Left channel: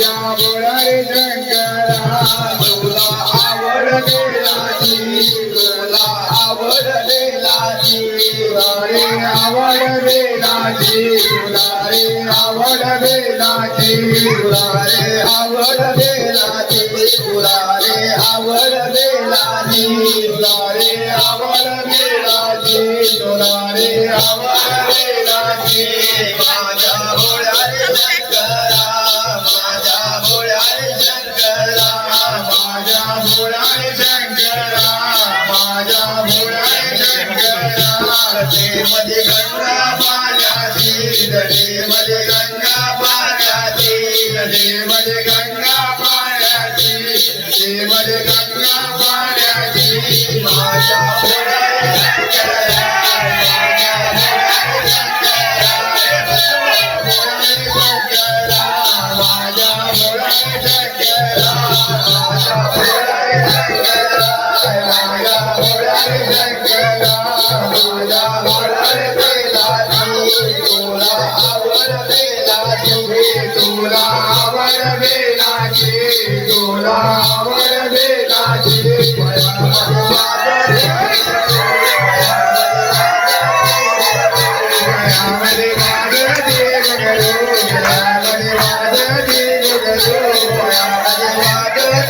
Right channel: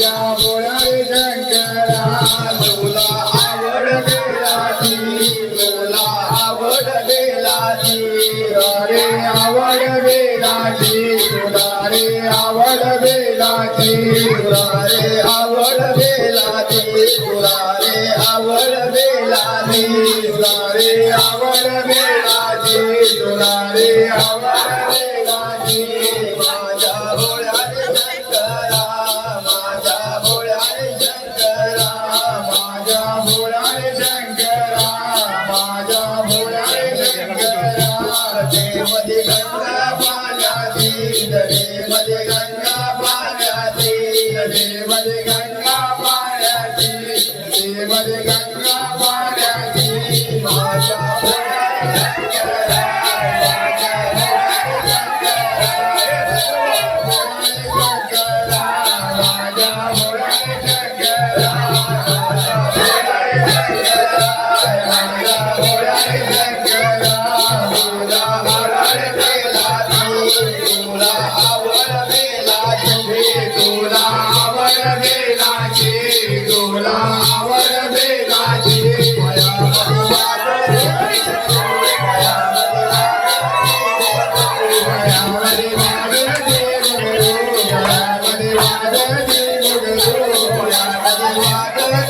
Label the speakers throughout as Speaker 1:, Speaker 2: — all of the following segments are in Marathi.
Speaker 1: माझ्या बोलारे शंकरा तुला आवड बेलाची तुला आवड रे आवड तुला रे आवड तुला रे आवड मध्ये गंगा पाण्याची मध्ये गंगा पाण्याची मध्ये गंगा पाण्याची मध्ये गंगा पाण्याची माझ्या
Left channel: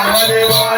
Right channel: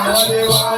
Speaker 1: माझ्या